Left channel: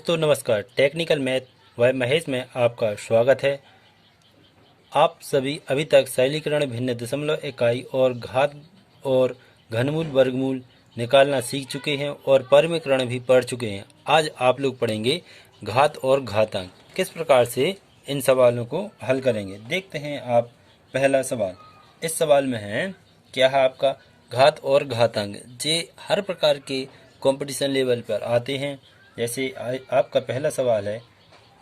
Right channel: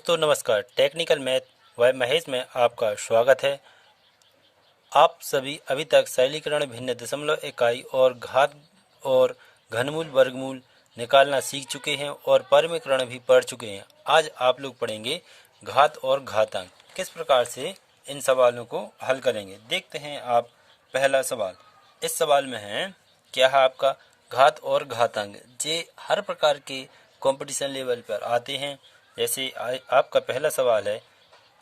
दोस्तों नमस्कार। Technical math व महेश में आपका स्वागत है। आप सभी अभी तक सरलीकरण, भिन्न दशमलव इकाई और घात और घनमूल वर्गमूल निकालना सीख चुके हैं और परिमीकरण भी पढ़ चुके हैं। आज आप लोग पढ़ेंगे घात और घातांक, किस प्रकार से इन सवालों को हल करेंगे। देखते हैं आप पहला सवाल। इस सवाल में है क्या है आपका घात और घातांक। जे हर प्रकार के कंपटीशन लेवल पर आते हैं। जैसे आपका पहला सवाल है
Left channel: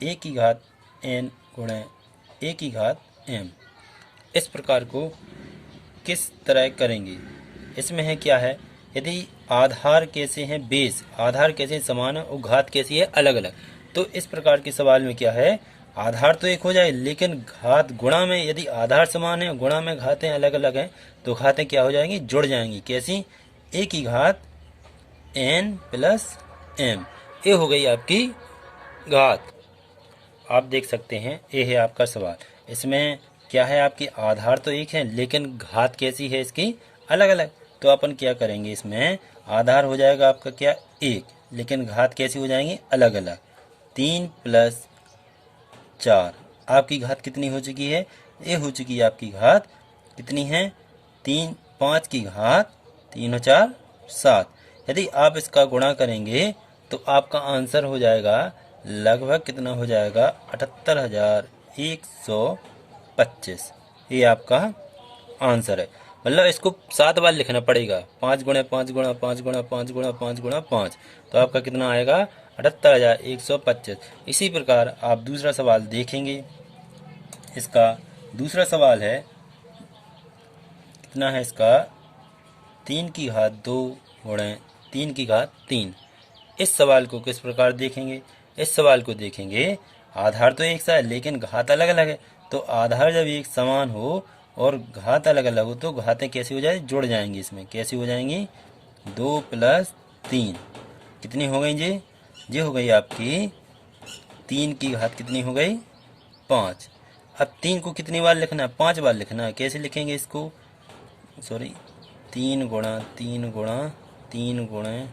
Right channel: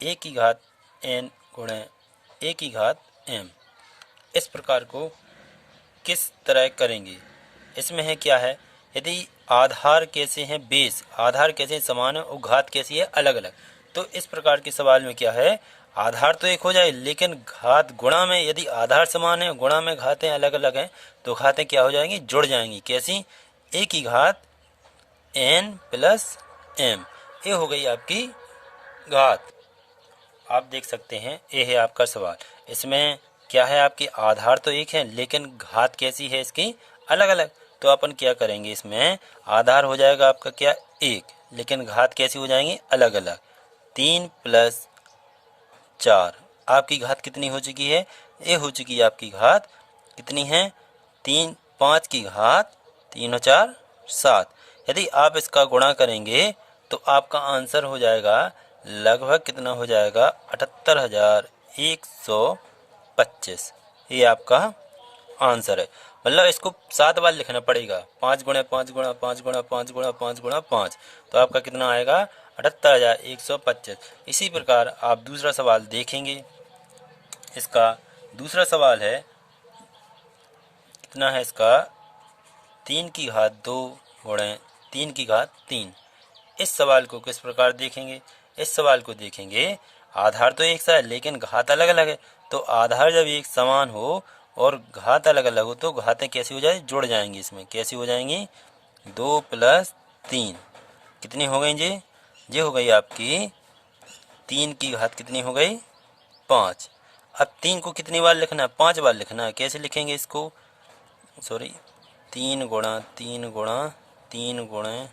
ए की घात n गुणे ए की घात m। इस प्रकार को किस तरह करेंगे। इसमें है क्या है, यदि आधार कैसे हैं, बेस आधार कैसे समान है और घात कैसी है अलग अलग, तो इस प्रकार के सवाल में क्या है, आधार तो एक हो जाए लेकिन घात गुणा में, यदि आधार समान है गुणा में घातें अलग अलग हैं तो घातें क्या हो जाएंगी, जुड़ जाएंगी। कैसी, ए की घात n प्लस m। ये हो गई आपकी घात। आप देख सकते हैं ये है आपका सवाल। इसमें क्या है, आपकी आधार तो एक है लेकिन घात कैसी है इसकी अलग अलग। तो अपन क्या करेंगे, इसमें आधार हो जाएगा आपका क्या एक, लेकिन घात कैसी हो जाएंगी अलग अलग। 3 प्लस 4 आपकी घात कितनी हो चुकी है, ये हो चुकी है आपकी घात कितनी है 3। 5 की घात 3 और 4 7। यदि आप इसका गुणा करेंगे तो आपका आंसर हो जाएगा लगभग कितना हो जाएगा 78,125। ये आपका आंसर है। मतलब इसको 7 बार लिखना पड़ेगा, 5 गुणा 5 गुणा 5 गुणा 5 गुणा 5 गुणा 5, तो आपका कितना आएगा 78,125। इसी प्रकार आप दूसरा सवाल देखेंगे। इसका दूसरा सवाल है कितना है इसका 3 की घात 2 गुणे 3 की घात 3। इस सवाल को किस प्रकार देखेंगे। इस सवाल को देखेंगे, आधार तो एक सा है लेकिन घात अलग अलग है। तो आधार जब एक समान हो और घात अलग अलग हो तो घातें कैसी हो जाए, जुड़ जाएंगी। इसमें कैसी हो जाएंगी, 2 प्लस 3 कितनी हो गई जी, ये हो गई आपकी 3 की घात कितनी हो गई 5। अब 3 को कितनी बार लिखना है, 5 बार लिखना है। कैसे लिखेंगे इसको, सॉरी 3 गुणा 3 गुणा 3 गुणे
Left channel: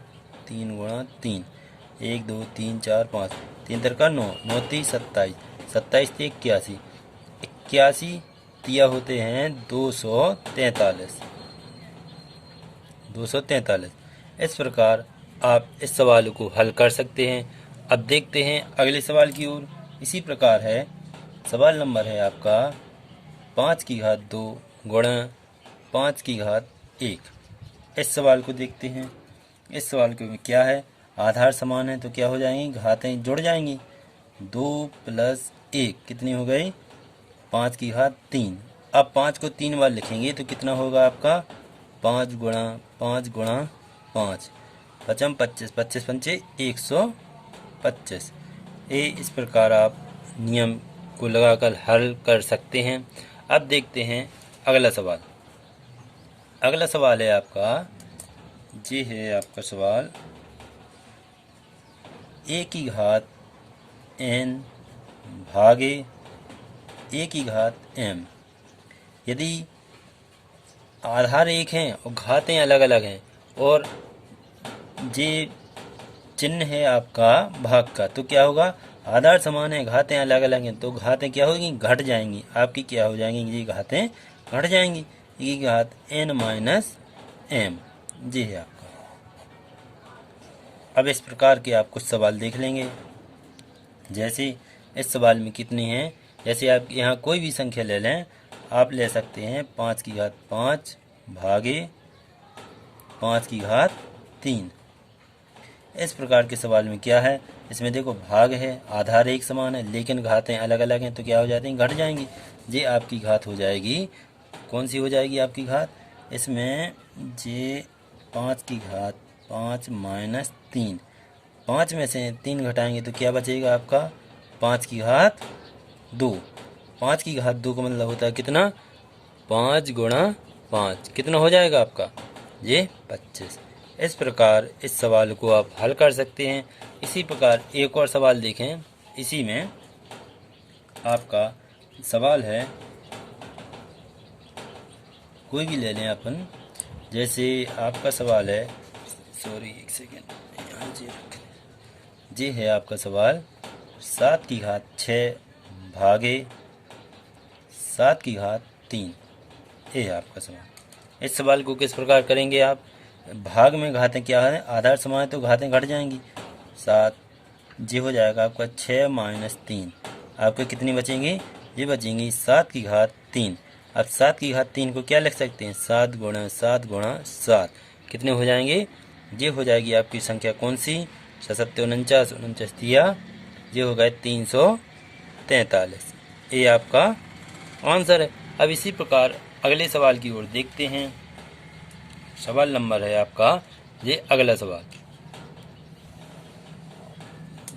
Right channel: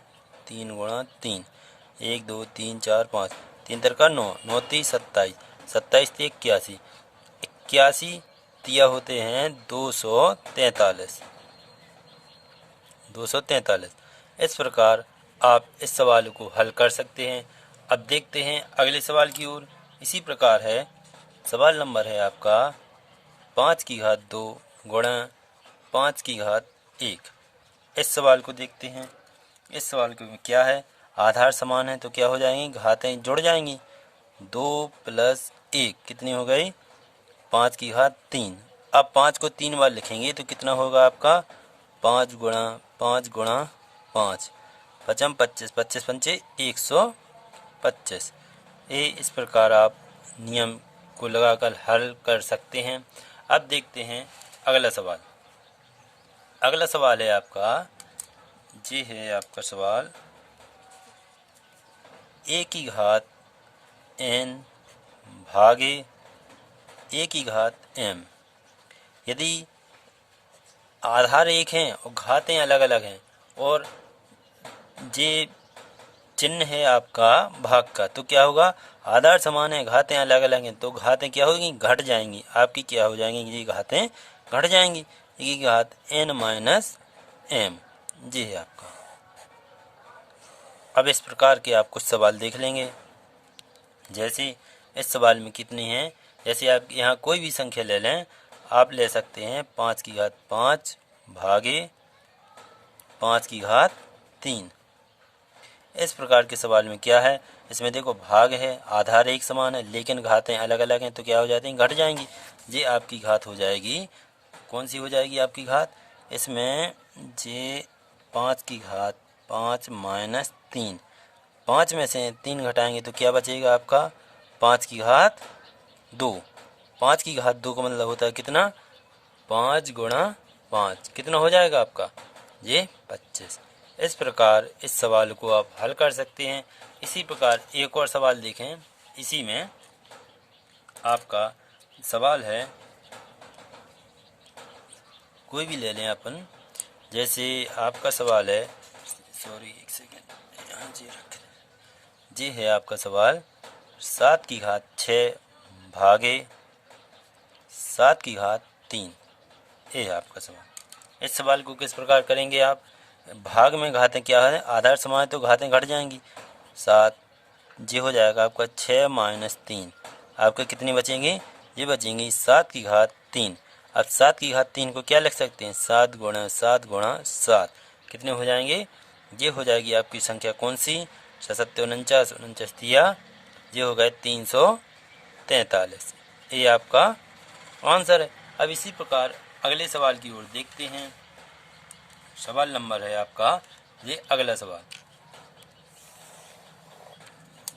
3 गुणा 3, 1 2 3 4 5, 3 तरका 9, 9 30 27, 27 से 81, 81 तिया होते हैं 243, 243। इस प्रकार आप इस सवाल को हल कर सकते हैं। अब देखते हैं अगले सवाल की ओर। इसी प्रकार है, सवाल नंबर है आपका 5 की घात 2 गुणा 5 की घात 1। इस सवाल को देखते हैं। इस सवाल में क्या है, आधार समान है तो क्या हो जाएंगी, घातें जुड़ जाएंगी। 2 प्लस 1 कितनी हो गई 5 की घात 3। अब 5 को 3 बार लिखेंगे तो कितना होगा आपका 5 गुणा 5 गुणा 5, 5 25, 25 पंचे 125। ये इस प्रकार आप नियम को लगाकर हल कर सकते हैं। अब देखते हैं अगला सवाल। अगला सवाल है आपका, ये है आपका सवाल ए की घात n भागे ए की घात m। यदि आधार एक हैं और घातें अलग अलग हैं और ये चिन्ह है आपका भाग का, तो क्या होगा, आधार समान है घातें अलग अलग हैं तो घातें क्या होगी, घट जाएंगी। आपकी क्या हो जाएंगी, ये घातें घट जाएंगी। ये घात n माइनस m, जी है आपका। अब इस प्रकार के आप कुछ सवाल देख लेंगे। जैसे इस सवाल में कितनी है, जैसे आप यहाँ कोई भी संख्या ले लें, आप ले सकते हैं 5 की घात 5 भागे 5 की घात 3। इस प्रकार के सवाल में क्या है, इसमें देखो भाग है, आधार एक समान है लेकिन घातें अलग अलग हैं तो क्या हो जाती हैं, घट जाएंगी। ये आपकी घात हो जाएगी, कौन सी हो जाएगी आपकी घात, इसमें जे 5 की घात 5 माइनस 3। 5 में से 3 घटाएंगे तो क्या बचेगा आपका 5 की घात 2। 5 की घात 2 का मतलब होता है कितना, 5 गुणा 5 कितना हो जाएगा आपका, ये 25। इस प्रकार इस सवाल को आप हल कर सकते हैं। इसी प्रकार एक और सवाल देखें। इसी में आपका सवाल है, कोई भी ले लें अपन। जैसे आपका सवाल है, सॉरी एक सेकेंड, यहाँ जी है आपका सवाल 7 की घात 6 भागे 7 की घात 3। ये है आपका सवाल। इस सवाल को किस प्रकार करेंगे आप? भाग में घातें क्या है, आधार समान है तो घातें घट जाएंगी। 7 जी हो जाएगा आपका 6 माइनस 3। आपके कितनी बचेंगी? ये बचेंगी 7 की घात 3। अब 7 की घात 3 को क्या लिख सकते हैं? 7 गुणा 7 गुणा 7। कितने हो जाएंगे? ये हो जाएगी आपकी संख्या कौन सी? 7 49 49 दिया, ये हो गए 343। ये आपका आंसर है। अब इसी प्रकार अगले सवाल की ओर देखते हैं। सवाल नंबर है आपका ये अगला सवाल।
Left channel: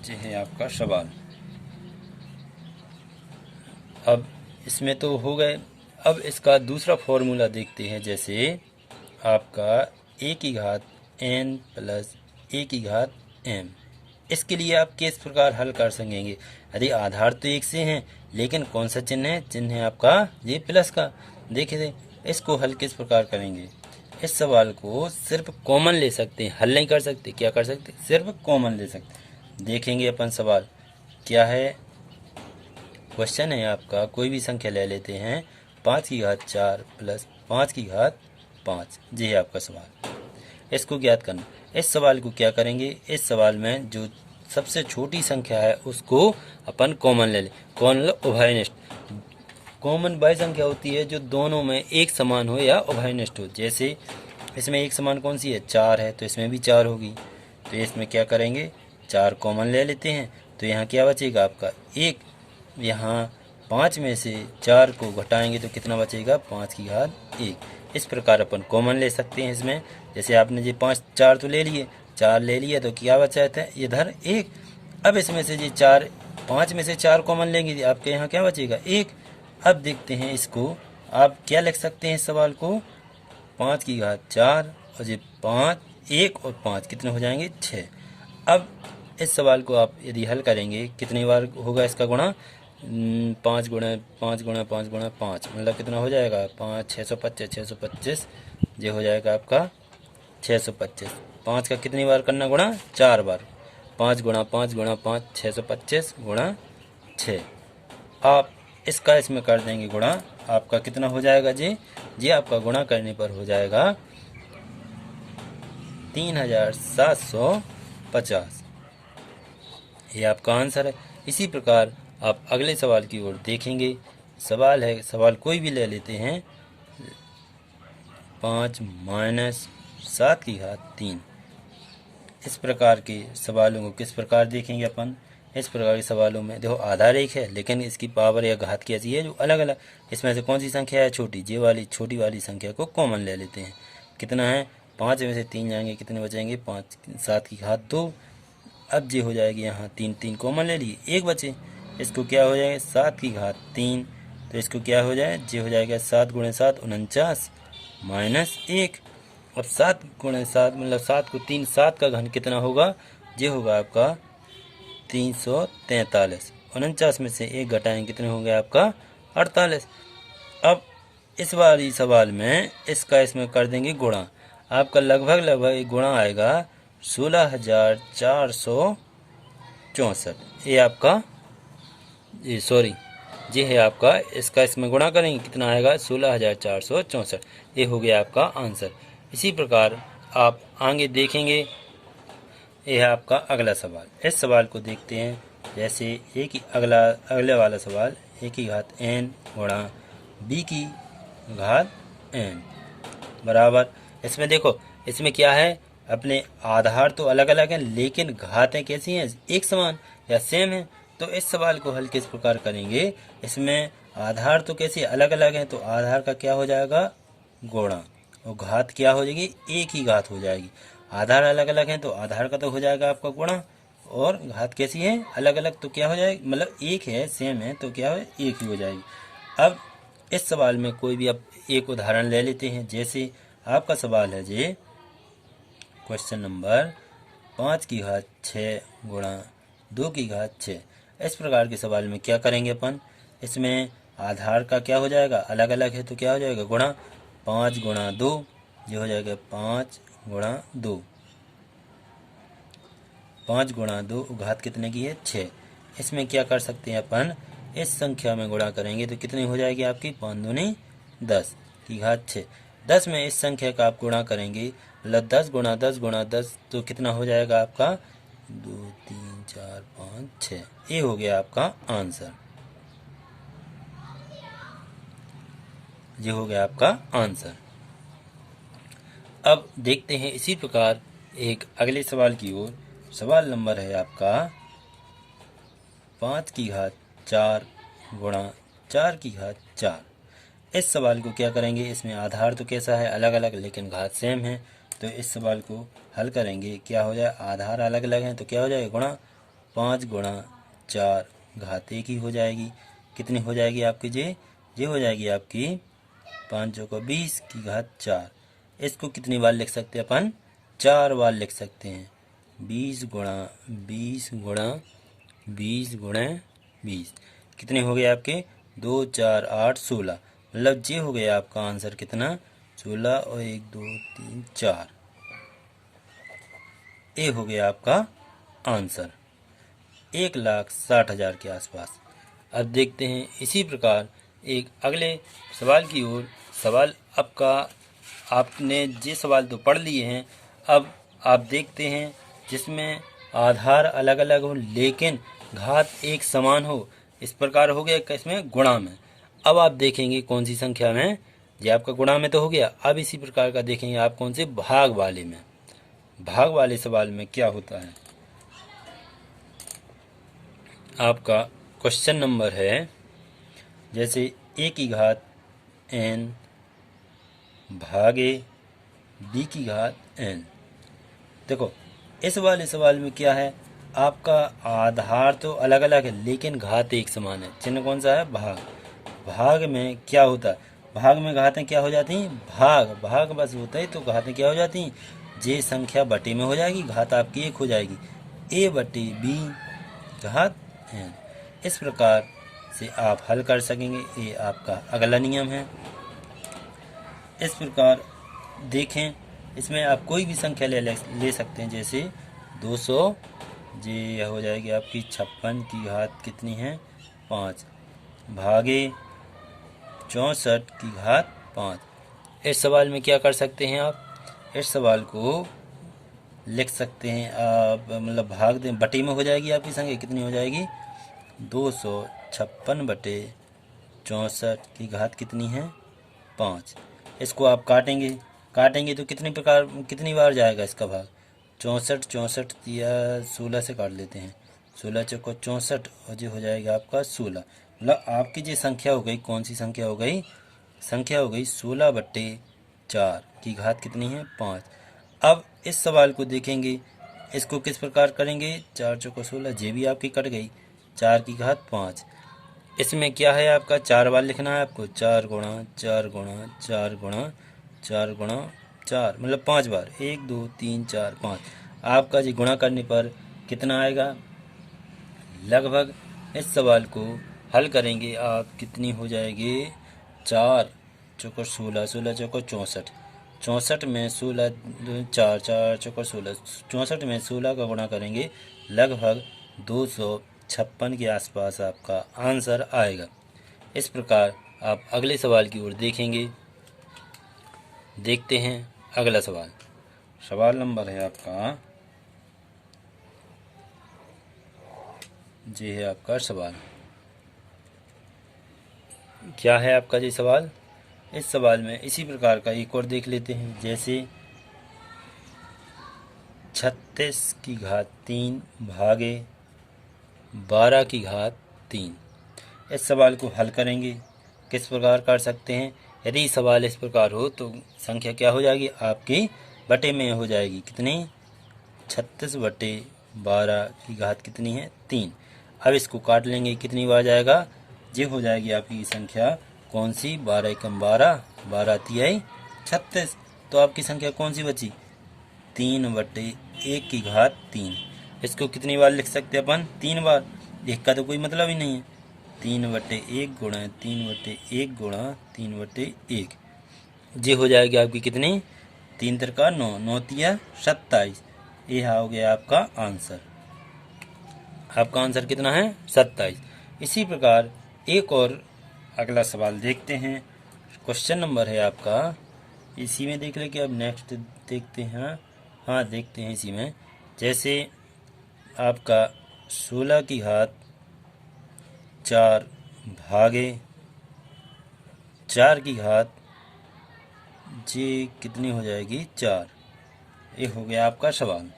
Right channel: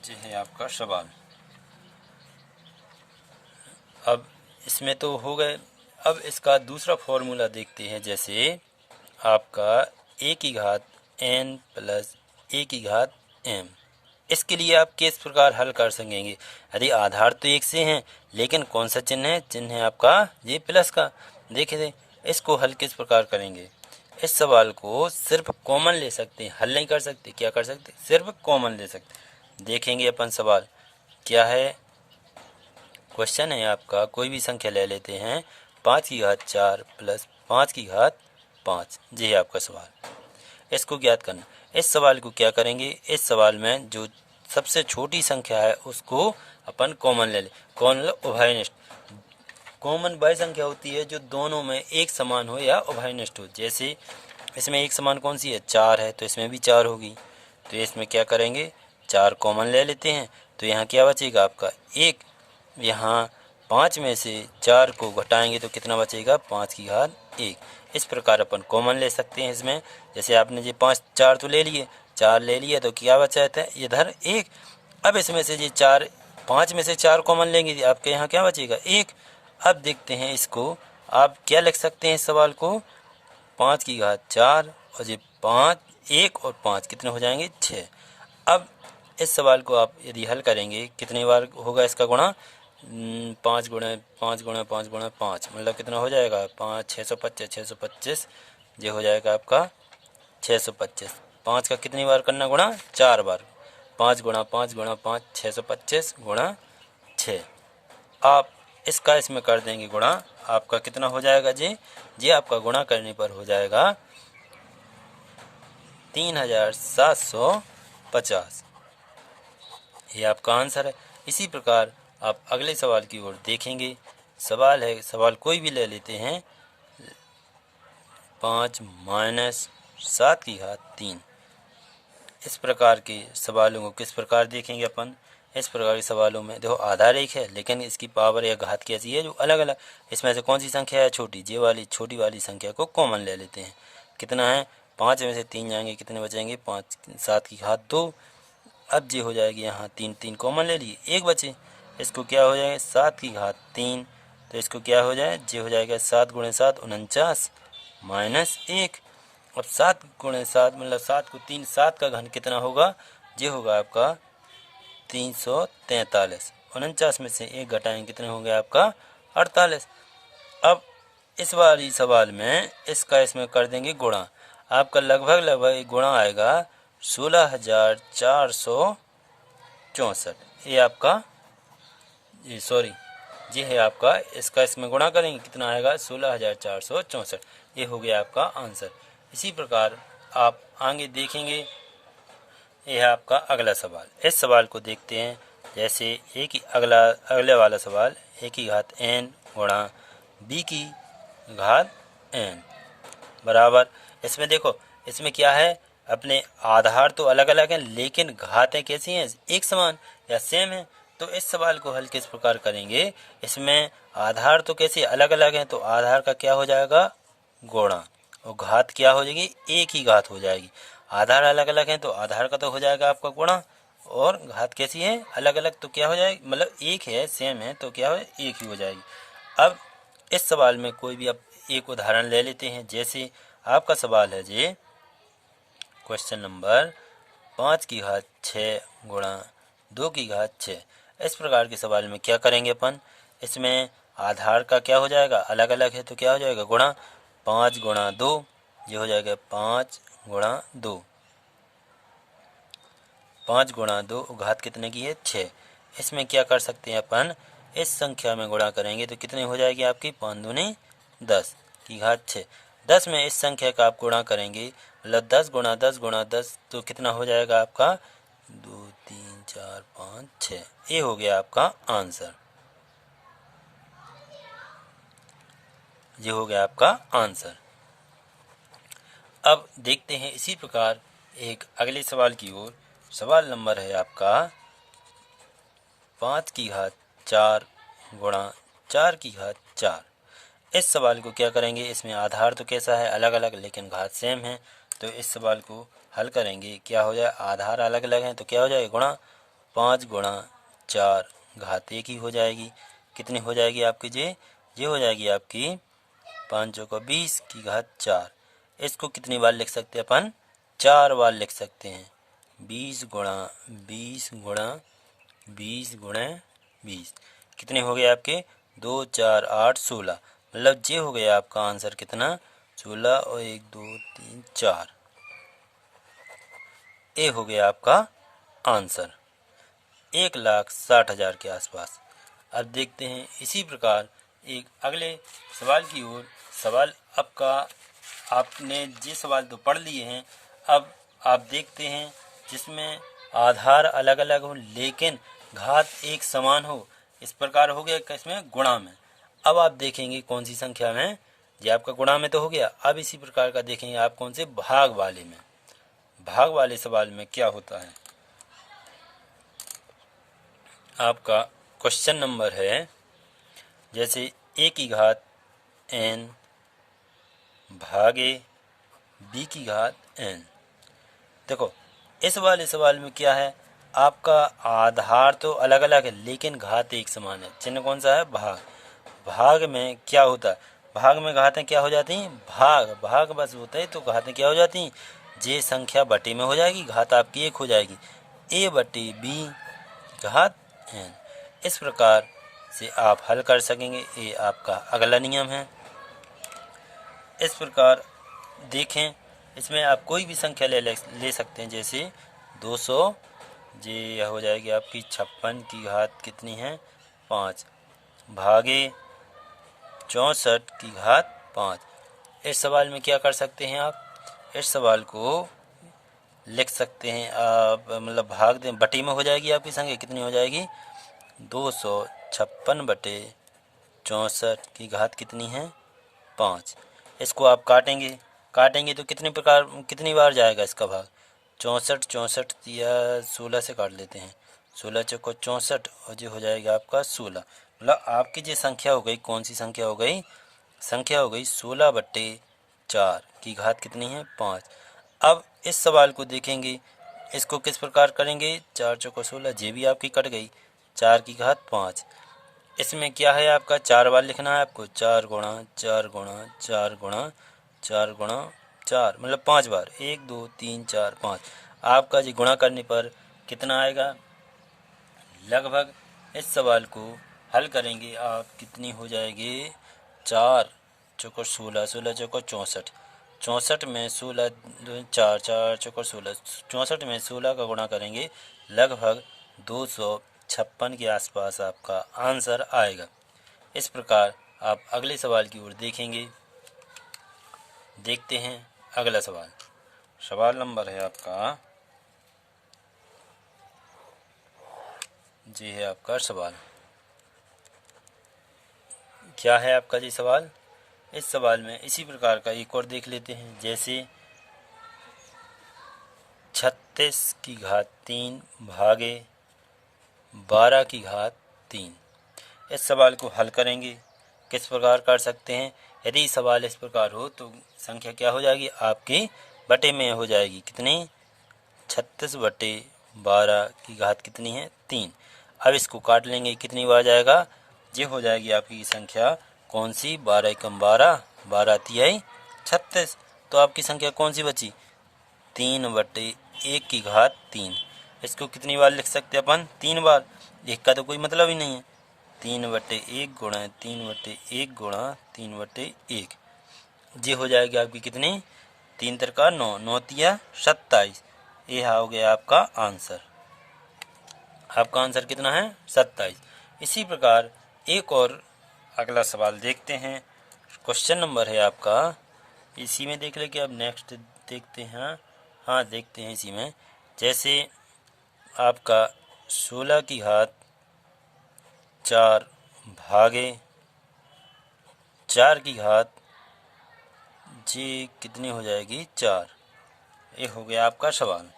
ये है आपका सवाल। अब इसमें तो हो गए। अब इसका दूसरा फॉर्मूला देखते हैं। जैसे आपका a की घात n प्लस a की घात m। इसके लिए आप किस प्रकार हल कर सकेंगे? यदि आधार तो एक से हैं, लेकिन कौन सा चिन्ह है? चिन्ह है आपका ये प्लस का। देखिए इसको हल किस प्रकार करेंगे? इस सवाल को सिर्फ कॉमन ले सकते हैं, हल नहीं कर सकते। क्या कर सकते? सिर्फ कॉमन ले सकते। देखेंगे अपन सवाल क्या है। क्वेश्चन है आपका, कोई भी संख्या ले लेते हैं 5 की घात 4 प्लस 5 की घात 5। ये है आपका सवाल। इसको ज्ञात करना। इस सवाल को क्या करेंगे? इस सवाल में जो सबसे छोटी संख्या है उसको अपन कॉमन ले लें। कौन? उभयनिष्ठ। कॉमन वह संख्या होती है जो दोनों में एक समान हो या उभयनिष्ठ हो। जैसे इसमें एक समान कौन सी है? 4 है, तो इसमें भी 4 होगी। तो इसमें क्या करेंगे? 4 कॉमन ले लेते हैं। तो यहाँ क्या बचेगा आपका? 1। यहाँ 5 में से 4 को घटाएंगे तो कितना बचेगा? 5 की घात 1। इस प्रकार अपन कॉमन ले सकते हैं इसमें। जैसे आपने ये 5 4 तो ले लिए, 4 ले लिया तो क्या बचा था इधर? 1। अब इसमें से ये 4 5 में से 4 कॉमन लेंगे, आपके यहाँ क्या बचेगा? 1। अब देखते हैं इसको आप क्या लिख सकते हैं इस सवाल को? 5 की घात 4 और ये 5 1 और 5 कितने हो जाएंगे? 6। अब इस सवाल को आप यदि हल करेंगे कितनी बार होगा इसका गुणा? 5 गुणा 5 गुणा 5 गुणा 5 मतलब कितना हो जाएगा? 5 625 625। ये हो जाएगा आपका 625। 5 का कितनी बार करना गुणा? 4 बार। 5 गुणा 5 गुणा 5 625 गुणा 6। आप इसका इसमें कर देंगे गुणा, आपका कितना हो जाएगा जी? जी आपका गुणा करने पर हो जाएगा 3750। ये आपका आंसर है। इसी प्रकार आप अगले सवाल की ओर देखेंगे। सवाल है, सवाल कोई भी ले लेते हैं। 5 माइनस 7 की घात 3। इस प्रकार के सवालों को किस प्रकार देखेंगे अपन? इस प्रकार के सवालों में देखो आधार एक है, लेकिन इसकी पावर या घात कैसी है जो अलग अलग। इसमें से कौन सी संख्या है छोटी? ये वाली छोटी वाली संख्या को कॉमन ले लेते हैं। कितना है? 5 में से 3 जाएंगे, कितने बचेंगे? 5 7 की घात 2। अब ये हो जाएगी यहाँ 3 3 कॉमन ले लिए, 1 बचे। इसको क्या हो जाएगा? 7 की घात 3। तो इसको क्या हो जाए? ये हो जाएगा 7 गुणे 7 49 माइनस 1। अब 7 गुणे 7 मतलब 7 को 3 7 का घन कितना होगा? ये होगा आपका 343। 49 में से 1 घटाएं कितने होंगे आपका? 48। अब इस वाली सवाल में इसका इसमें कर देंगे गुणा। आपका लगभग लगभग गुणा आएगा 16,464। ये आपका ये है आपका, इसका इसमें गुणा करेंगे कितना आएगा? 16,464। ये हो गया आपका आंसर। इसी प्रकार आप आगे देखेंगे। यह है आपका अगला सवाल। इस सवाल को देखते हैं। जैसे अगले वाला सवाल a की घात n गुणा b की घात n बराबर। इसमें देखो इसमें क्या है? अपने आधार तो अलग अलग हैं, लेकिन घातें कैसी हैं? एक समान या सेम है। तो इस सवाल को हल किस प्रकार करेंगे? इसमें आधार तो कैसे अलग अलग हैं, तो आधार का क्या हो जाएगा? गुणा, और घात क्या हो जाएगी? एक ही घात हो जाएगी। आधार अलग अलग हैं तो आधार का तो हो जाएगा आपका गुणा, और घात कैसी है? अलग अलग, तो क्या हो जाएगी? मतलब एक है सेम है तो क्या हो? एक ही हो जाएगी। अब इस सवाल में कोई भी आप एक उदाहरण ले लेते हैं। जैसे आपका सवाल है जी क्वेश्चन नंबर 5 की घात 6 गुणा 2 की घात 6। इस प्रकार के सवाल में क्या करेंगे अपन? इसमें आधार का क्या हो जाएगा? अलग अलग है तो क्या हो जाएगा? गुणा। 5 गुणा 2 ये हो जाएगा 5 गुणा 2। 5 गुणा 2 घात कितने की है 6। इसमें क्या कर सकते हैं अपन, इस संख्या में गुणा करेंगे तो कितनी हो जाएगी आपकी 5 दूनी 10 की घात 6। 10 में इस संख्या का आप गुणा करेंगे मतलब 10 गुणा 10 गुणा 10 तो कितना हो जाएगा आपका 2 3 4 5 6। ये हो गया आपका आंसर, ये हो गया आपका आंसर। अब देखते हैं इसी प्रकार एक अगले सवाल की ओर। सवाल नंबर है आपका 5 की घात 4 गुणा 4 की घात 4। इस सवाल को क्या करेंगे, इसमें आधार तो कैसा है अलग अलग लेकिन घात सेम है, तो इस सवाल को हल करेंगे क्या हो जाए, आधार अलग अलग हैं तो क्या हो जाएगा गुणा 5 गुणा 4 घात 1 ही हो जाएगी। कितनी हो जाएगी आपकी ये हो जाएगी आपकी 5 चौका 20 की घात 4। इसको कितनी बार लिख सकते हैं अपन, 4 बार लिख सकते हैं। 20 गुणा 20 गुणा 20 गुणे 20 कितने हो गए आपके 2 4 8 16। मतलब ये हो गया आपका आंसर कितना 16 और 1 2 3 4। ये हो गया आपका आंसर 1,60,000 के आसपास। अब देखते हैं इसी प्रकार एक अगले सवाल की ओर। सवाल आपका आपने ये सवाल तो पढ़ लिए हैं, अब आप देखते हैं जिसमें आधार अलग अलग हो लेकिन घात एक समान हो। इस प्रकार हो गया किसमें गुणा में। अब आप देखेंगे कौन सी संख्या में, ये आपका गुणा में तो हो गया। अब इसी प्रकार का देखेंगे आप कौन से भाग वाले में। भाग वाले सवाल में क्या होता है, आपका क्वेश्चन नंबर है जैसे a की घात n भागे b की घात n। देखो इस वाले सवाल में क्या है, आपका आधार तो अलग अलग है लेकिन घात एक समान है। चिन्ह कौन सा है भाग। भाग में क्या होता है, भाग में घातें क्या हो जाती हैं, भाग भाग बस होता है तो घातें क्या हो जाती हैं, जे संख्या बटे में हो जाएगी, घात आपकी एक हो जाएगी, a बटे b घात n। इस प्रकार से आप हल कर सकेंगे। ये आपका अगला नियम है। इस प्रकार देखें इसमें आप कोई भी संख्या ले सकते हैं, जैसे 200 ये हो जाएगी आपकी 56 की घात कितनी है 5 भागे 64 की घात 5। इस सवाल में क्या कर सकते हैं आप, इस सवाल को लिख सकते हैं आप, मतलब भाग दें बटे में हो जाएगी आपकी संख्या कितनी हो जाएगी 256 बटे 64 की घात कितनी है 5। इसको आप काटेंगे तो कितनी बार जाएगा इसका भाग 64 64 या 16 से काट लेते हैं, 16 चौको 64 और जो हो जाएगा आपका 16। मतलब आपकी जो संख्या हो गई कौन सी संख्या हो गई, संख्या हो गई 16 बट्टे 4 की घात कितनी है 5। अब इस सवाल को देखेंगे इसको किस प्रकार करेंगे, 4 चौको 16 ये भी आपकी कट गई 4 की घात 5। इसमें क्या है आपका 4 बार लिखना है आपको, 4 गुणा 4 गुणा 4 गुणा 4 गुणा 4 मतलब 5 बार, 1 2 3 4 5। आपका जी गुणा करने पर कितना आएगा, लगभग इस सवाल को हल करेंगे आप कितनी हो जाएगी 4 चौको 16 16 चौको 64, 64 में 16 4 4 चौको 16, 64 में 16 का गुणा करेंगे लगभग 256 के आसपास आपका आंसर आएगा। इस प्रकार आप अगले सवाल की ओर देखेंगे। देखते हैं अगला सवाल। सवाल नंबर है आपका, जी है आपका सवाल, क्या है आपका जी सवाल। इस सवाल में इसी प्रकार का एक और देख लेते हैं, जैसे 36 की घात 3 भागे 12 की घात 3। इस सवाल को हल करेंगे किस प्रकार कर सकते हैं, यदि सवाल इस प्रकार हो तो संख्या क्या हो जाएगी आपकी बटे में हो जाएगी, कितनी 36 बटे 12 की घात कितनी है 3। अब इसको काट लेंगे कितनी बार जाएगा, ये हो जाएगी आपकी संख्या कौन सी 12 एकम 12 12 तिहाई 36। तो आपकी संख्या कौन सी बची 3 बटे 1 की घात 3। इसको कितनी बार लिख सकते हैं अपन 3 बार, एक का तो कोई मतलब ही नहीं है। 3 बटे 1 गुणा 3 बटे 1 गुणा 3 बटे 1, ये हो जाएगी आपकी कितनी 3 तिरका 9 9 तिया 27। ये हो गया आपका आंसर। आपका आंसर कितना है 27। इसी प्रकार एक और अगला सवाल देखते हैं। क्वेश्चन नंबर है आपका, इसी में देख लें कि अब नेक्स्ट देखते हैं। हाँ देखते हैं इसी में। जैसे आपका 16 की घात 4 भागे 4 की घात जी कितनी हो जाएगी 4। ये हो गया आपका सवाल।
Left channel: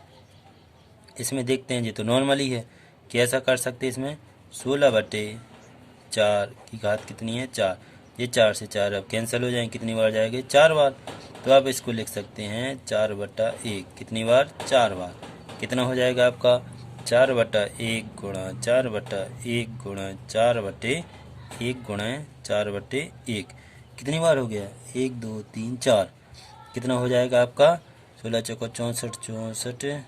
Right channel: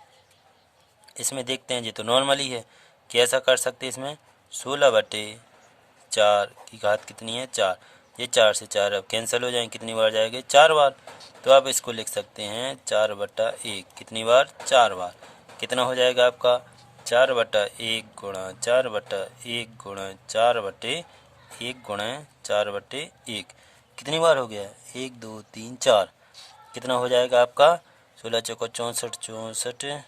इसमें देखते हैं, ये तो नॉर्मली है, कैसा कर सकते हैं इसमें। 16/4 की घात कितनी है 4। ये 4 से 4 अब कैंसिल हो जाएंगे, कितनी बार जाएंगे 4 बार। तो आप इसको लिख सकते हैं 4/1, कितनी बार 4 बार। कितना हो जाएगा आपका 4/1 गुणा 4/1 गुणा 4/1 गुणा 4/1, कितनी बार हो गया 1 2 3 4। कितना हो जाएगा आपका 16 चौको 64 64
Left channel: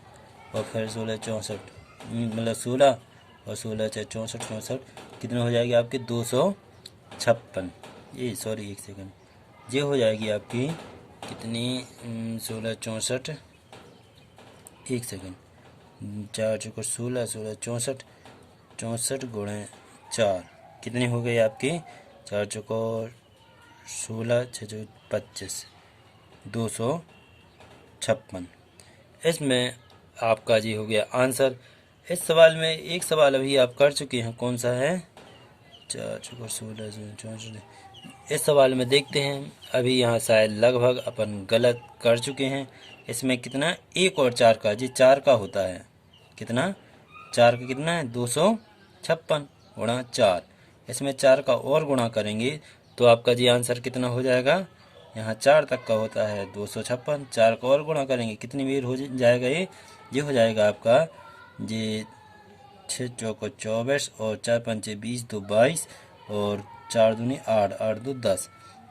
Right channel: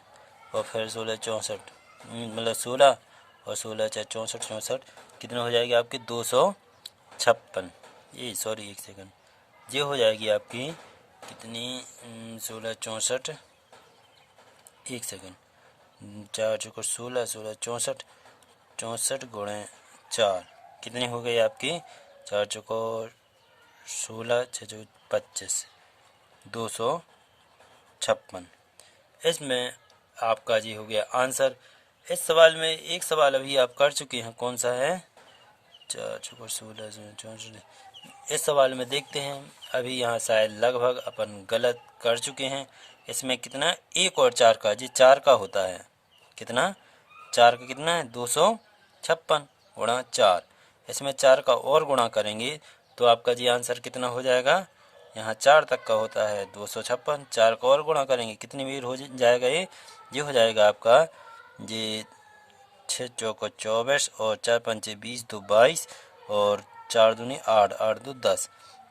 और फिर 16 64 मतलब 16 और 16 चाहे 64 64, कितने हो जाएगी आपकी 256। ये सॉरी एक सेकंड, ये हो जाएगी आपकी कितनी 16 64, एक सेकंड, 4 चौको 16 16 64 64 गुणे 4, कितनी हो गई आपकी 4 चौको 16 6 चौको 25 256। इसमें आपका जी हो गया आंसर। इस सवाल में एक सवाल अभी आप कर चुके हैं, कौन सा है 4 चौको 16 64। इस सवाल में देखते हैं, अभी यहाँ शायद लगभग अपन गलत कर चुके हैं। इसमें कितना 1 और 4 का, जी 4 का होता है कितना 4 का कितना है 256 गुणा 4। इसमें 4 का और गुणा करेंगे तो आपका जी आंसर कितना हो जाएगा, यहाँ 4 तक का होता है 256, 4 का और गुणा करेंगे कितनी बार हो जाएगा ये हो जाएगा आपका जी 6 चौको 24 और 4 पंचे 20 2 22 और 4 दूनी 8 8 2 10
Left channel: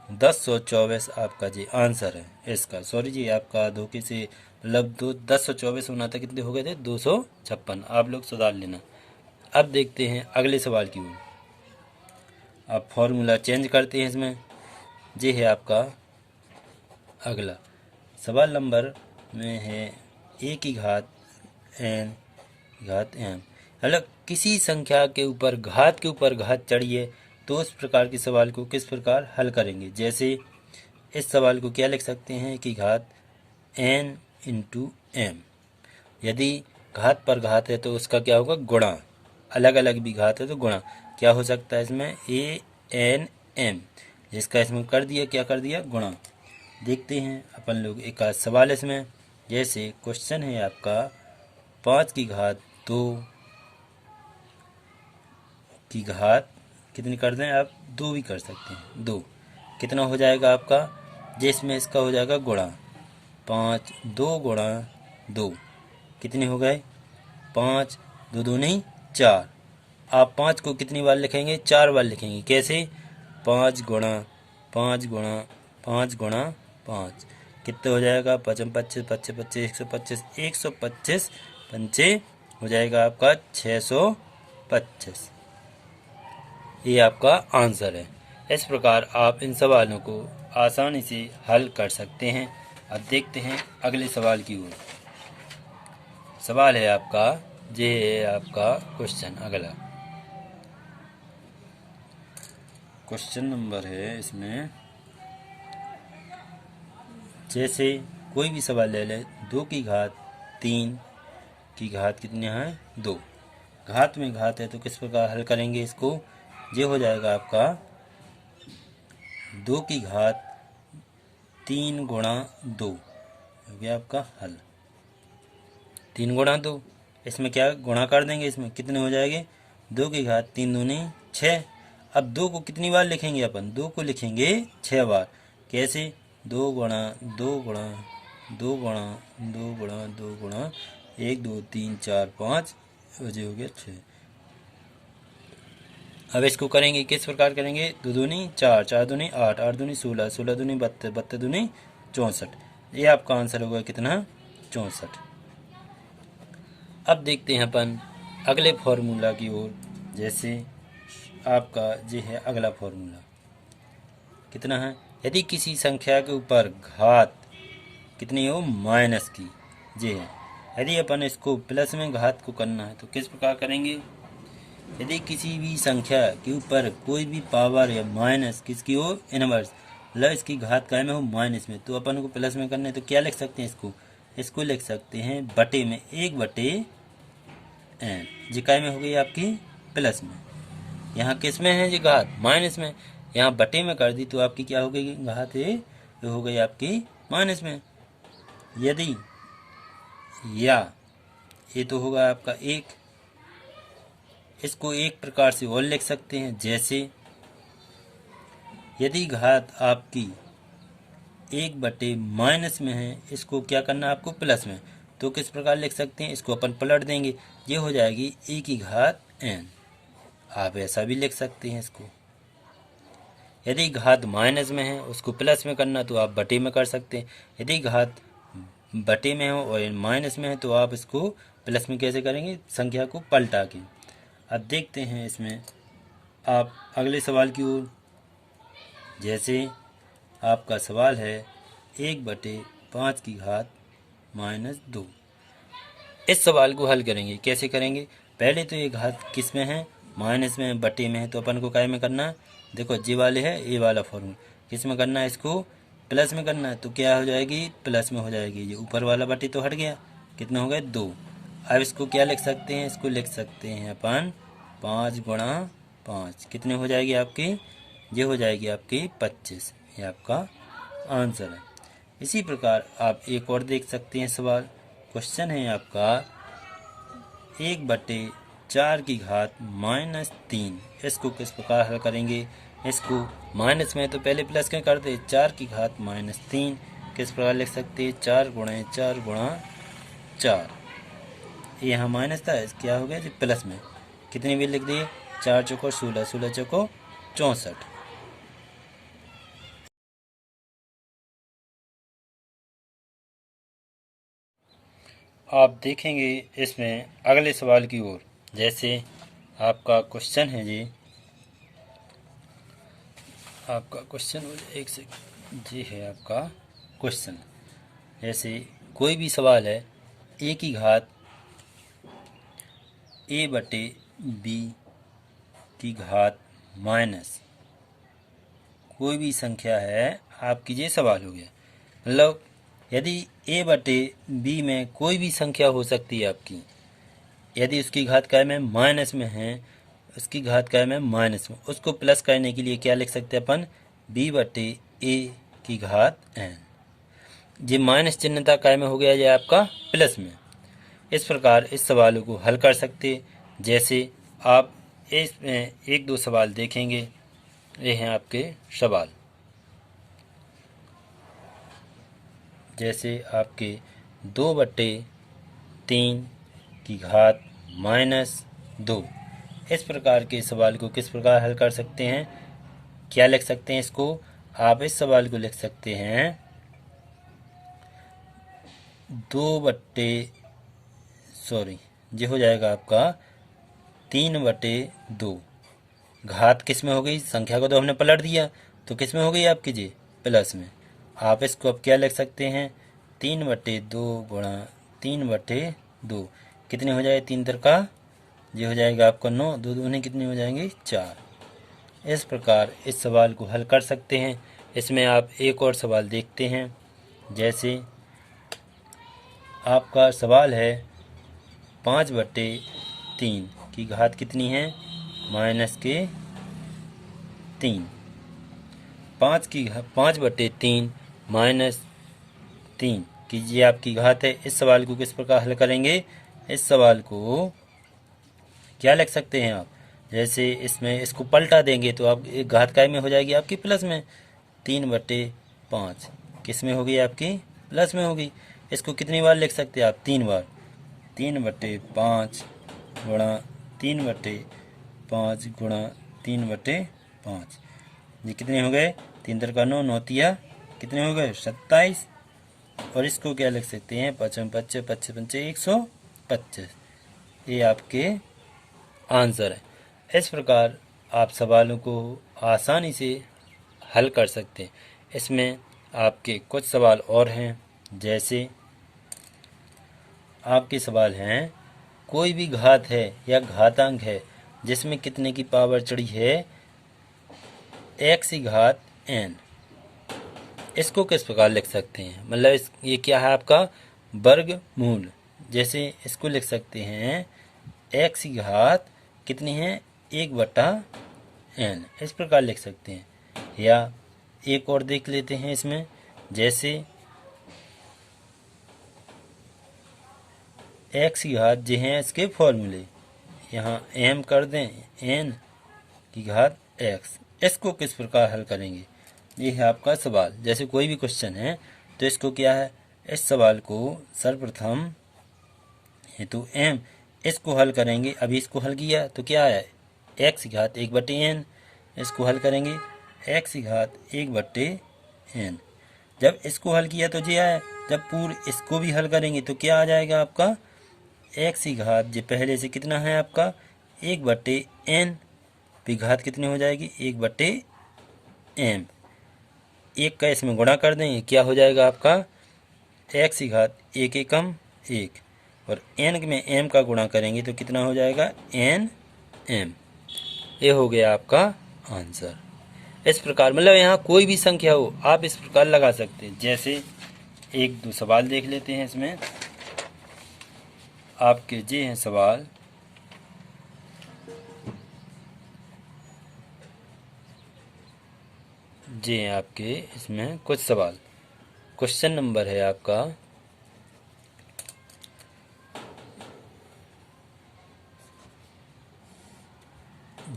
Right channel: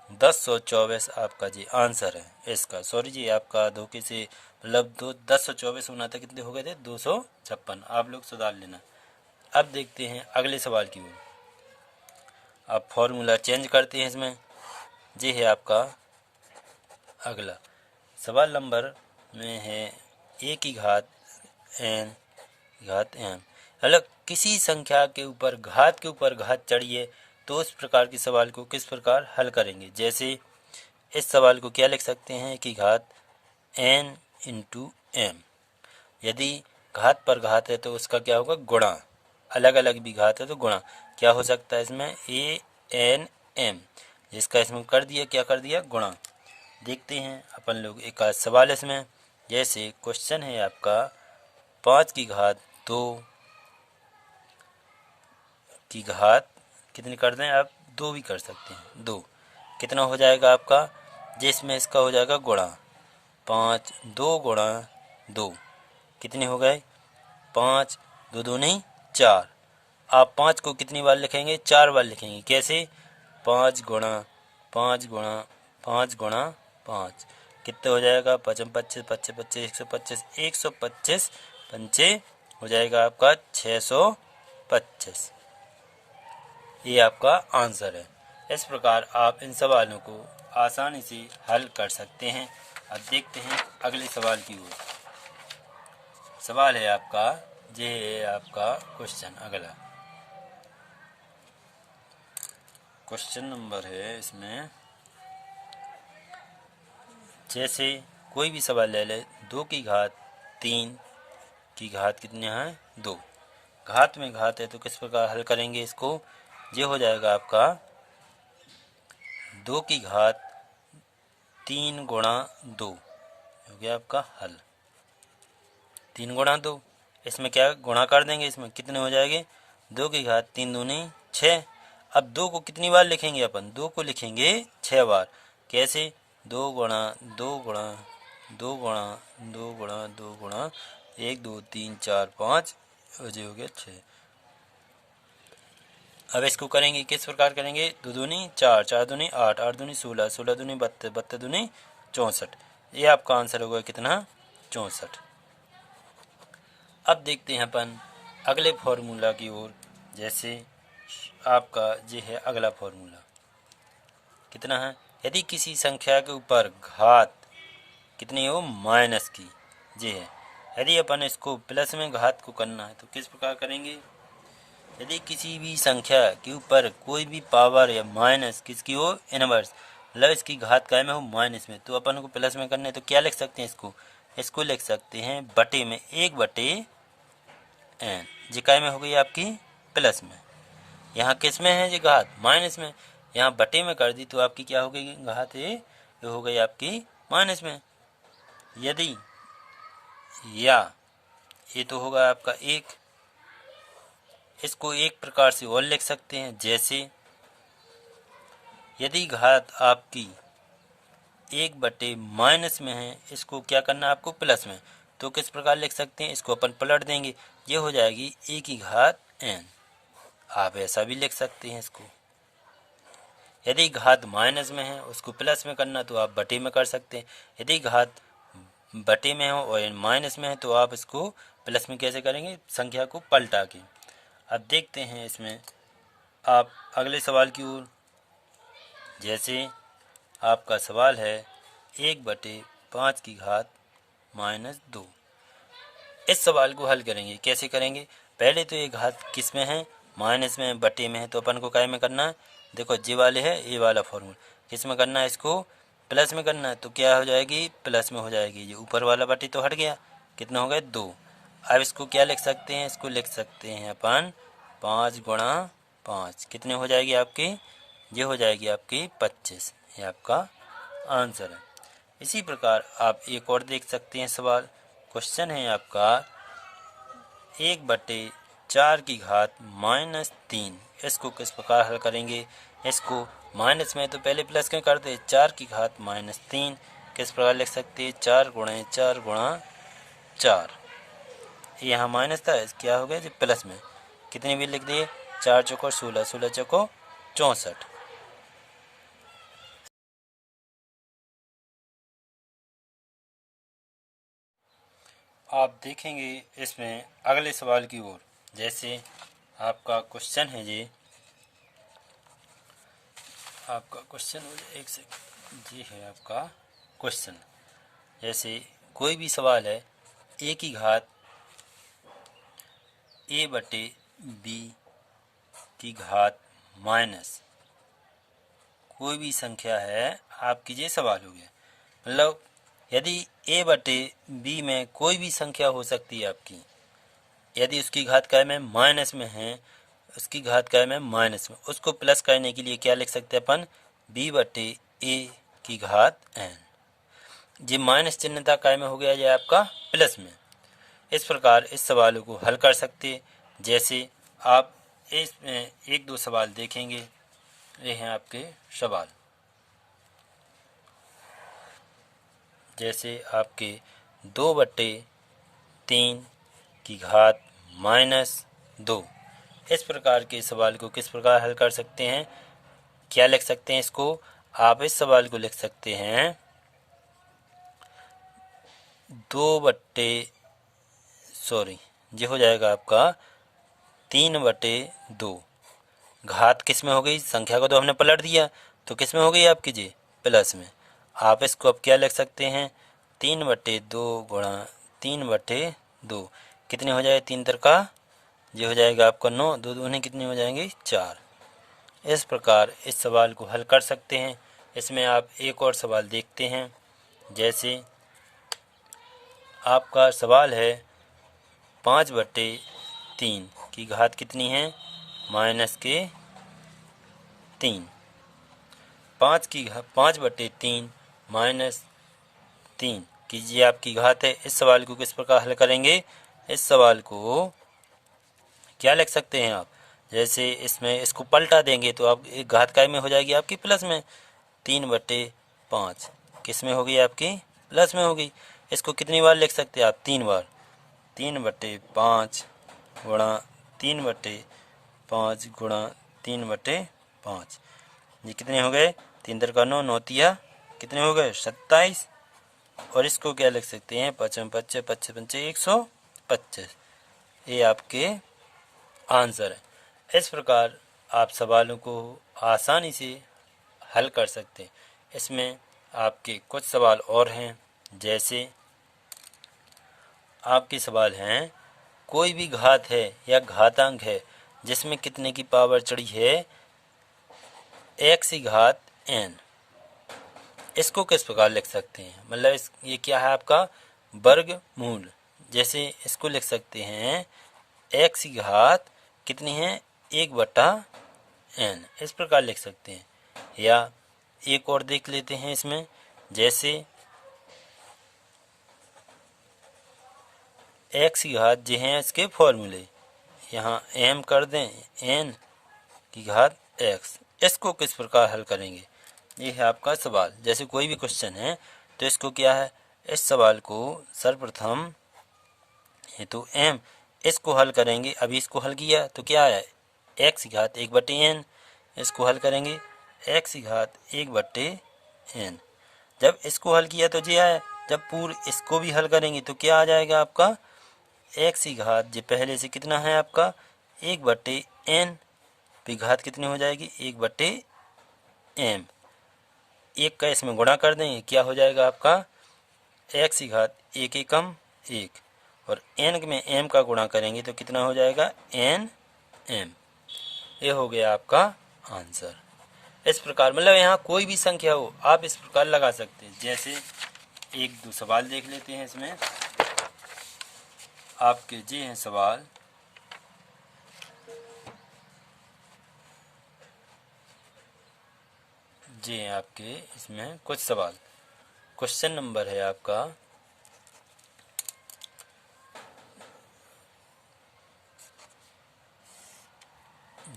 1024 आपका जी आंसर है इसका। सॉरी जी आपका धोखे से मतलब 1024 होना था, कितने हो गए थे 256, आप लोग सुधार लेना। अब देखते हैं अगले सवाल की ओर। अब फॉर्मूला चेंज करते हैं इसमें। ये है आपका अगला सवाल नंबर में है a की घात n मतलब किसी संख्या के ऊपर घात चढ़ी है तो उस प्रकार के सवाल को किस प्रकार हल करेंगे। जैसे इस सवाल को क्या लिख सकते हैं कि घात n इंटू m, यदि घात पर घात है तो उसका क्या होगा गुणा, अलग अलग भी घात है तो गुणा क्या हो सकता है इसमें a n m, जिसका इसमें कर दिया क्या कर दिया गुणा। देखते हैं अपन लोग एक आध सवाल इसमें। जैसे क्वेश्चन है आपका 5 की घात 2 की घात कितनी कर दें आप 2 भी कर सकते हैं 2, कितना हो जाएगा आपका, जिसमें इसका हो जाएगा गुणा 5 2 गुणा 2, कितने हो गए 5 2 2 नहीं 4। आप 5 को कितनी बार लिखेंगे 4 बार लिखेंगे, कैसे 5 गुणा 5 गुणा 5 गुणा 5, कितने हो जाएगा 5 25 25 25 125 125 पंचे हो जाएगा आपका 625। ये आपका आंसर है। इस प्रकार आप इन सवालों को आसानी से हल कर सकते हैं। अब देखते हैं अगले सवाल की ओर। सवाल है आपका, ये है आपका क्वेश्चन अगला क्वेश्चन नंबर है इसमें। जैसे कोई भी सवाल ले ले, 2 की घात 3 की घात कितने हैं 2, घात में घात है तो किस प्रकार हल करेंगे इसको। ये हो जाएगा आपका 2 की घात 3 गुणा 2 हो गया आपका हल। 3 गुणा 2, इसमें क्या गुणा कर देंगे, इसमें कितने हो जाएंगे 2 की घात 3 दूनी 6। अब 2 को कितनी बार लिखेंगे अपन, 2 को लिखेंगे 6 बार, कैसे 2 गुणा 2 गुणा 2 गुणा 2 गुणा 2 गुणा 1 2 3 4 5 हो गया 6। अब इसको करेंगे किस प्रकार करेंगे, 2 दूनी 4 4 दूनी 8 8 दूनी 16 16 दूनी 32 32 दूनी 64। ये आपका आंसर होगा कितना 64। अब देखते हैं अपन अगले फॉर्मूला की ओर। जैसे आपका ये है अगला फॉर्मूला, कितना है, यदि किसी संख्या के ऊपर घात कितनी हो माइनस की, ये है यदि अपन इसको प्लस में घात को करना है तो किस प्रकार करेंगे। यदि किसी भी संख्या के ऊपर कोई भी पावर या माइनस किसकी हो, इनवर्स, मतलब इसकी घात काय में हो माइनस में, तो अपन को प्लस में करना है तो क्या लिख सकते हैं इसको लिख सकते हैं बटे में 1/n। जी काय में हो गई आपकी प्लस में, यहाँ किस में है जी घात माइनस में, यहाँ बटे में कर दी तो आपकी क्या हो गई घात है, ये हो गई आपकी माइनस में। यदि या ये तो होगा आपका 1, इसको एक प्रकार से और लिख सकते हैं, जैसे यदि घात आपकी 1/- में है, इसको क्या करना है आपको प्लस में, तो किस प्रकार लिख सकते हैं, इसको अपन पलट देंगे, ये हो जाएगी e⁻n। आप ऐसा भी लिख सकते हैं इसको। यदि घात माइनस में है उसको प्लस में करना तो आप बटे में कर सकते हैं, यदि घात बटे में हो और माइनस में है तो आप इसको प्लस में कैसे करेंगे, संख्या को पलटा के। अब देखते हैं इसमें आप अगले सवाल की ओर। जैसे आपका सवाल है 1/5⁻²। इस सवाल को हल करेंगे, कैसे करेंगे, पहले तो ये घात किस में है, माइनस में, बटे में है, तो अपन को काय में करना है, देखो जी वाले है ए वाला फॉर्मूला, किस में करना है, इसको प्लस में करना है, तो क्या हो जाएगी प्लस में हो जाएगी, ये ऊपर वाला बटे तो हट गया, कितना हो गया 2। अब इसको क्या लिख सकते हैं, इसको लिख सकते हैं अपन 5×5, कितने हो जाएगी आपकी, ये हो जाएगी आपकी 25, ये आपका आंसर है। इसी प्रकार आप एक और देख सकते हैं सवाल, क्वेश्चन है आपका 1/4⁻3। इसको किस प्रकार हल करेंगे, इसको माइनस में तो पहले प्लस में करते, 4⁻3 किस प्रकार लिख सकते हैं, 4×4×4, यहाँ माइनस था, क्या हो गया जी प्लस में, कितने भी लिख दिए, 4×4 16, 16×4 64। आप देखेंगे इसमें अगले सवाल की ओर। जैसे आपका क्वेश्चन है जी, आपका क्वेश्चन एक से जी है आपका क्वेश्चन। जैसे कोई भी सवाल है a की घात a/b की घात माइनस कोई भी संख्या है आपकी, ये सवाल हो गया। मतलब यदि a/b में कोई भी संख्या हो सकती है आपकी, यदि उसकी घात काय में माइनस में है, उसकी घात काय में माइनस में, उसको प्लस करने के लिए क्या लिख सकते हैं अपन, b/a की घात n। ये माइनस चिन्हता काय में हो गया, ये आपका प्लस में। इस प्रकार इस सवालों को हल कर सकते। जैसे आप इसमें एक दो सवाल देखेंगे, ये हैं आपके सवाल। जैसे आपके 2/3 की घात -2, इस प्रकार के सवाल को किस प्रकार हल कर सकते हैं, क्या लिख सकते हैं इसको, आप इस सवाल को लिख सकते हैं ये हो जाएगा आपका 3/2। घात किस में हो गई, संख्या को तो हमने पलट दिया, तो किस में हो गई आपकी जी प्लस में। आप इसको अब क्या लिख सकते हैं, 3/2 कितने हो जाए, 3 का ये हो जाएगा आपका 9, 2 दूनी कितनी हो जाएंगी 4। इस प्रकार इस सवाल को हल कर सकते हैं। इसमें आप एक और सवाल देखते हैं। जैसे आपका सवाल है 5/3 की घात कितनी है, -3। 5/3 -3 की ये आपकी घात है। इस सवाल को किस प्रकार हल करेंगे, इस सवाल को क्या लिख सकते हैं आप, जैसे इसमें इसको पलटा देंगे तो आप एक घात काय में हो जाएगी आपकी प्लस में, 3/5 किस में होगी आपकी प्लस में होगी। इसको कितनी बार लिख सकते हैं आप, 3 बार, 3/5 गुणा 3/5 गुणा 3/5, ये कितने हो गए, 3 का 9, 9 कितने हो गए 27। और इसको क्या लिख सकते हैं, 5×5 125, ये आपके आंसर है। इस प्रकार आप सवालों को आसानी से हल कर सकते हैं। इसमें आपके कुछ सवाल और हैं। जैसे आपके सवाल हैं, कोई भी घात है या घातांक है जिसमें कितने की पावर चढ़ी है x की घात n, इसको किस प्रकार लिख सकते हैं? मतलब ये क्या है आपका वर्गमूल। जैसे इसको लिख सकते हैं x की घात कितनी है 1/n, इस प्रकार लिख सकते हैं। या एक और देख लेते हैं इसमें, जैसे x की घात जो हैं इसके फॉर्मूले, यहाँ m कर दें n की घात x, इसको किस प्रकार हल करेंगे? ये है आपका सवाल। जैसे कोई भी क्वेश्चन है तो इसको क्या है, इस सवाल को सर्वप्रथम हेतु m, इसको हल करेंगे। अभी इसको हल किया तो क्या है x की घात 1/n, इसको हल करेंगे x की घात 1/n। जब इसको हल किया तो ये आया, जब पूर्ण इसको भी हल करेंगे तो क्या आ जाएगा आपका x की घात जो पहले से कितना है आपका 1/n, फिर घात कितनी हो जाएगी 1/m, एक का इसमें गुणा कर देंगे, क्या हो जाएगा आपका x की घात 1 एकम 1, और n में m का गुणा करेंगे तो कितना हो जाएगा nm। ये हो गया आपका आंसर। इस प्रकार मतलब यहाँ कोई भी संख्या हो आप इस प्रकार लगा सकते हैं। जैसे एक दो सवाल देख लेते हैं इसमें आपके, जे हैं सवाल, जे हैं आपके इसमें कुछ सवाल। क्वेश्चन नंबर है आपका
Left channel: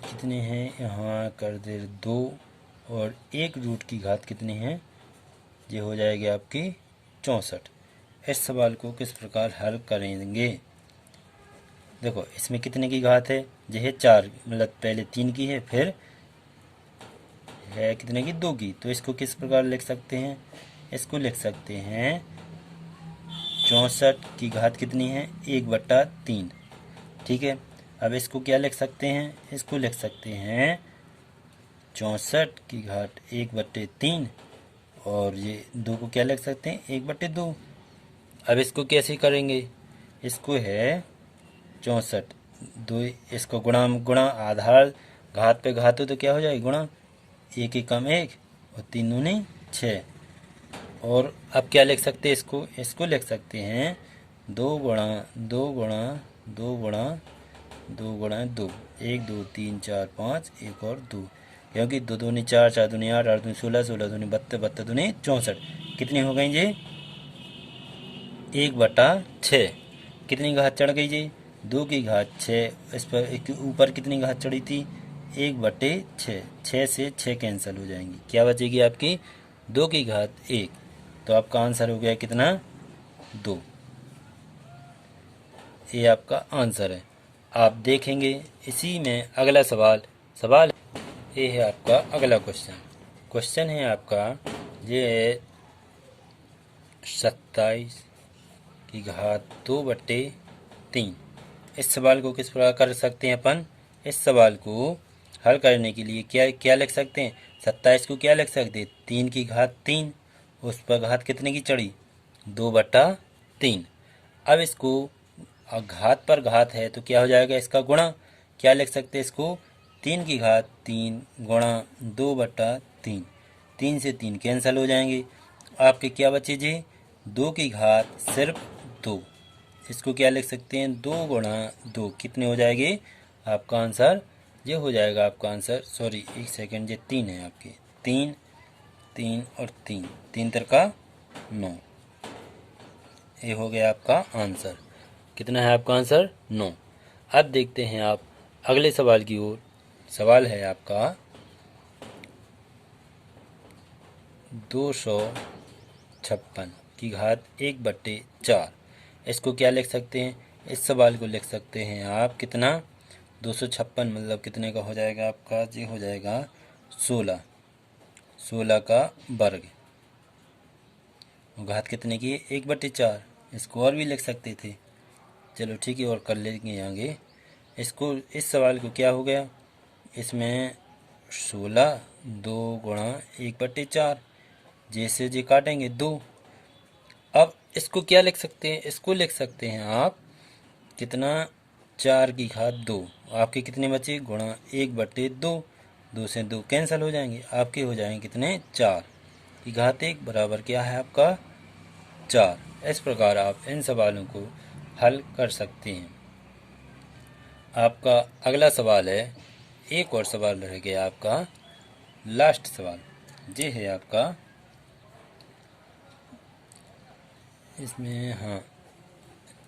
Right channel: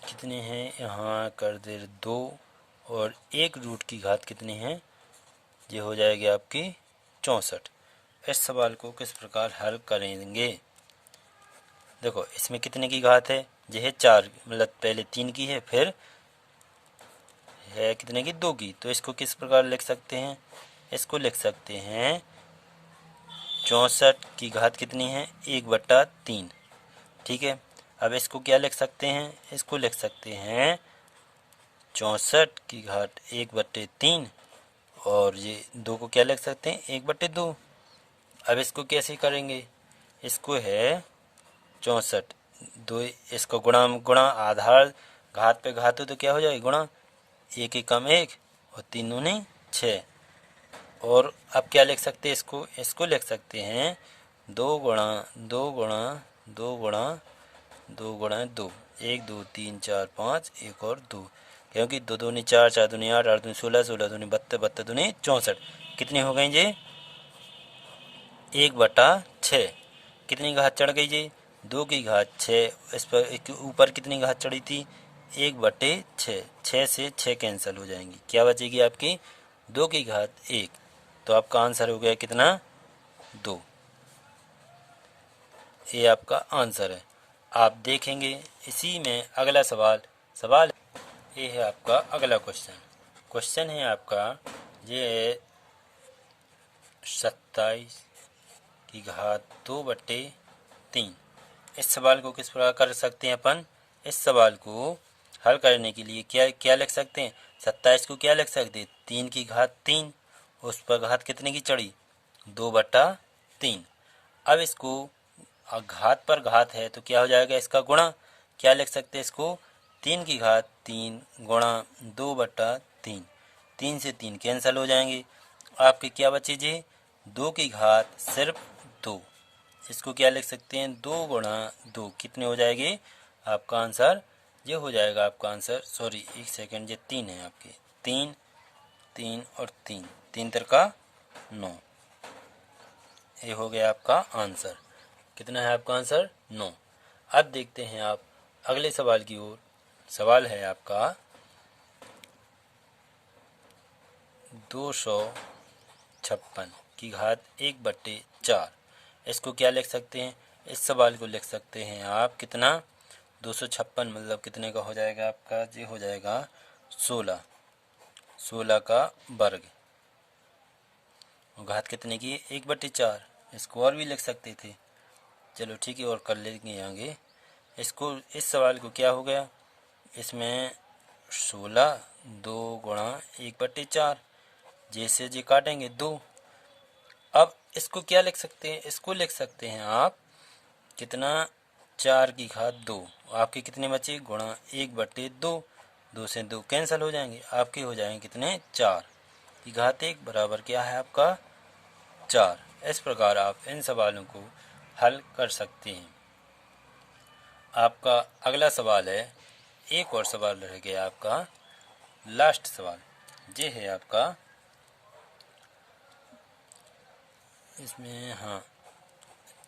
कितने हैं, यहाँ कर दे 2, और 1 रूट की घात कितनी है, ये हो जाएगी आपकी 64। इस सवाल को किस प्रकार हल करेंगे? देखो इसमें कितने की घात है, ये है 4, मतलब पहले 3 की है, फिर है कितने की 2 की, तो इसको किस प्रकार लिख सकते हैं? इसको लिख सकते हैं 64 की घात कितनी है 1/3, ठीक है। अब इसको क्या लिख सकते हैं, इसको लिख सकते हैं 64 की घात 1/3, और ये 2 को क्या लिख सकते हैं 1/2। अब इसको कैसे करेंगे, इसको है 64 2, इसको गुणा गुणा आधार घात पे घात हो तो क्या हो जाएगा गुणा, 1 एकम 1 और 3 दूनी 6। और अब क्या लिख सकते हैं, इसको लिख सकते हैं 2 गुणा 2 गुणा 2 गुणा 2 गुणा 2, 1 2 3 4 5 1 और 2, क्योंकि 2 दूनी 4 4 दूनी 8 8 दूनी 16 16 दूनी 32 32 दूनी 64, कितनी हो गई जी 1/6। कितनी घात चढ़ गई जी 2 की घात 6, इस पर ऊपर कितनी घात चढ़ी थी 1/6, 6 से 6 कैंसिल हो जाएंगी, क्या बचेगी आपकी 2 की घात 1, तो आपका आंसर हो गया कितना 2। ये आपका आंसर है। आप देखेंगे इसी में अगला सवाल ये है आपका अगला क्वेश्चन है आपका, ये है 27 की घात 2/3। इस सवाल को किस प्रकार कर सकते हैं अपन, इस सवाल को हल करने के लिए क्या क्या लिख सकते हैं, 27 को क्या लिख सकते हैं 3 की घात 3, उस पर घात कितने की चढ़ी 2/3। अब इसको घात पर घात है तो क्या हो जाएगा इसका गुणा, क्या लिख सकते हैं इसको 3 की घात 3 गुणा 2/3, 3 से 3 कैंसिल हो जाएंगे, आपके क्या बचे जी 2 की घात सिर्फ 2, इसको क्या लिख सकते हैं 2 गुणा 2, कितने हो जाएंगे आपका आंसर, ये हो जाएगा आपका आंसर, सॉरी एक सेकंड, ये 3 है आपके, 3 3 और 3 3 तिरका 9, ये हो गया आपका आंसर। कितना है आपका आंसर 9। अब देखते हैं आप अगले सवाल की ओर। सवाल है आपका 256 की घात 1/4, इसको क्या लिख सकते हैं, इस सवाल को लिख सकते हैं आप कितना 256 मतलब कितने का हो जाएगा आपका, ये हो जाएगा 16 का वर्ग, घात कितने की 1/4, इसको और भी लिख सकते थे, चलो ठीक है और कर लेंगे आगे इसको। इस सवाल को क्या हो गया, इसमें 16 2 गुणा 1/4, जैसे जे काटेंगे 2। अब इसको क्या लिख सकते हैं, इसको लिख सकते हैं आप कितना 4 की घात 2। आपके कितने बचे गुणा 1/2, 2 से 2 कैंसिल हो जाएंगे, आपके हो जाएंगे कितने 4 की घात 1 बराबर क्या है आपका 4। इस प्रकार आप इन सवालों को हल कर सकते हैं। आपका अगला सवाल है, एक और सवाल रह गया आपका लास्ट सवाल, ये है आपका इसमें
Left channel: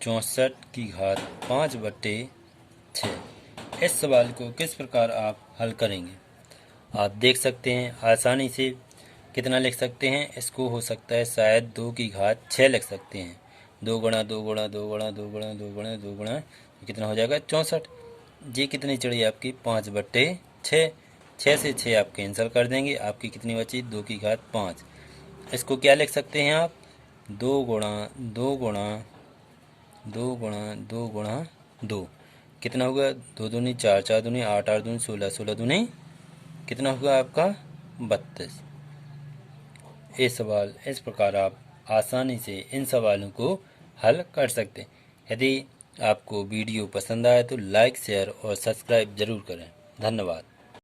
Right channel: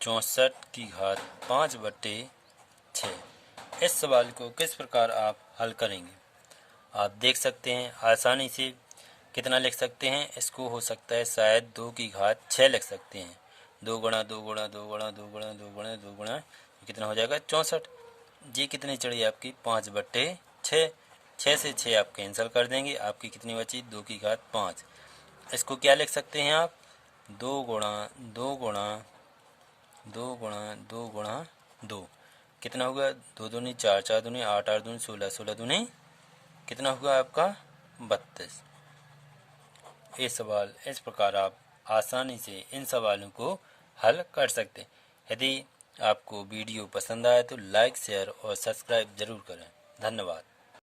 64 की घात 5/6। इस सवाल को किस प्रकार आप हल करेंगे, आप देख सकते हैं आसानी से कितना लिख सकते हैं। इसको हो सकता है शायद 2 की घात 6 लिख सकते हैं। 2 गुणा 2 गुणा 2 गुणा 2 गुणा 2 गुणा 2 गुणा कितना हो जाएगा 64। ये कितनी चढ़ी आपकी 5/6। 6 से 6 आप कैंसिल कर देंगे, आपकी कितनी बची 2 की घात 5। इसको क्या लिख सकते हैं आप 2 गुणा 2 गुणा 2 गुणा 2 गुणा 2 कितना होगा 2 दूनी 4, 4 दूनी 8, 8 दूनी 16, 16 दूनी कितना होगा आपका 32। ये सवाल इस प्रकार आप आसानी से इन सवालों को हल कर सकते हैं। यदि आपको वीडियो पसंद आए तो लाइक शेयर और सब्सक्राइब जरूर करें। धन्यवाद।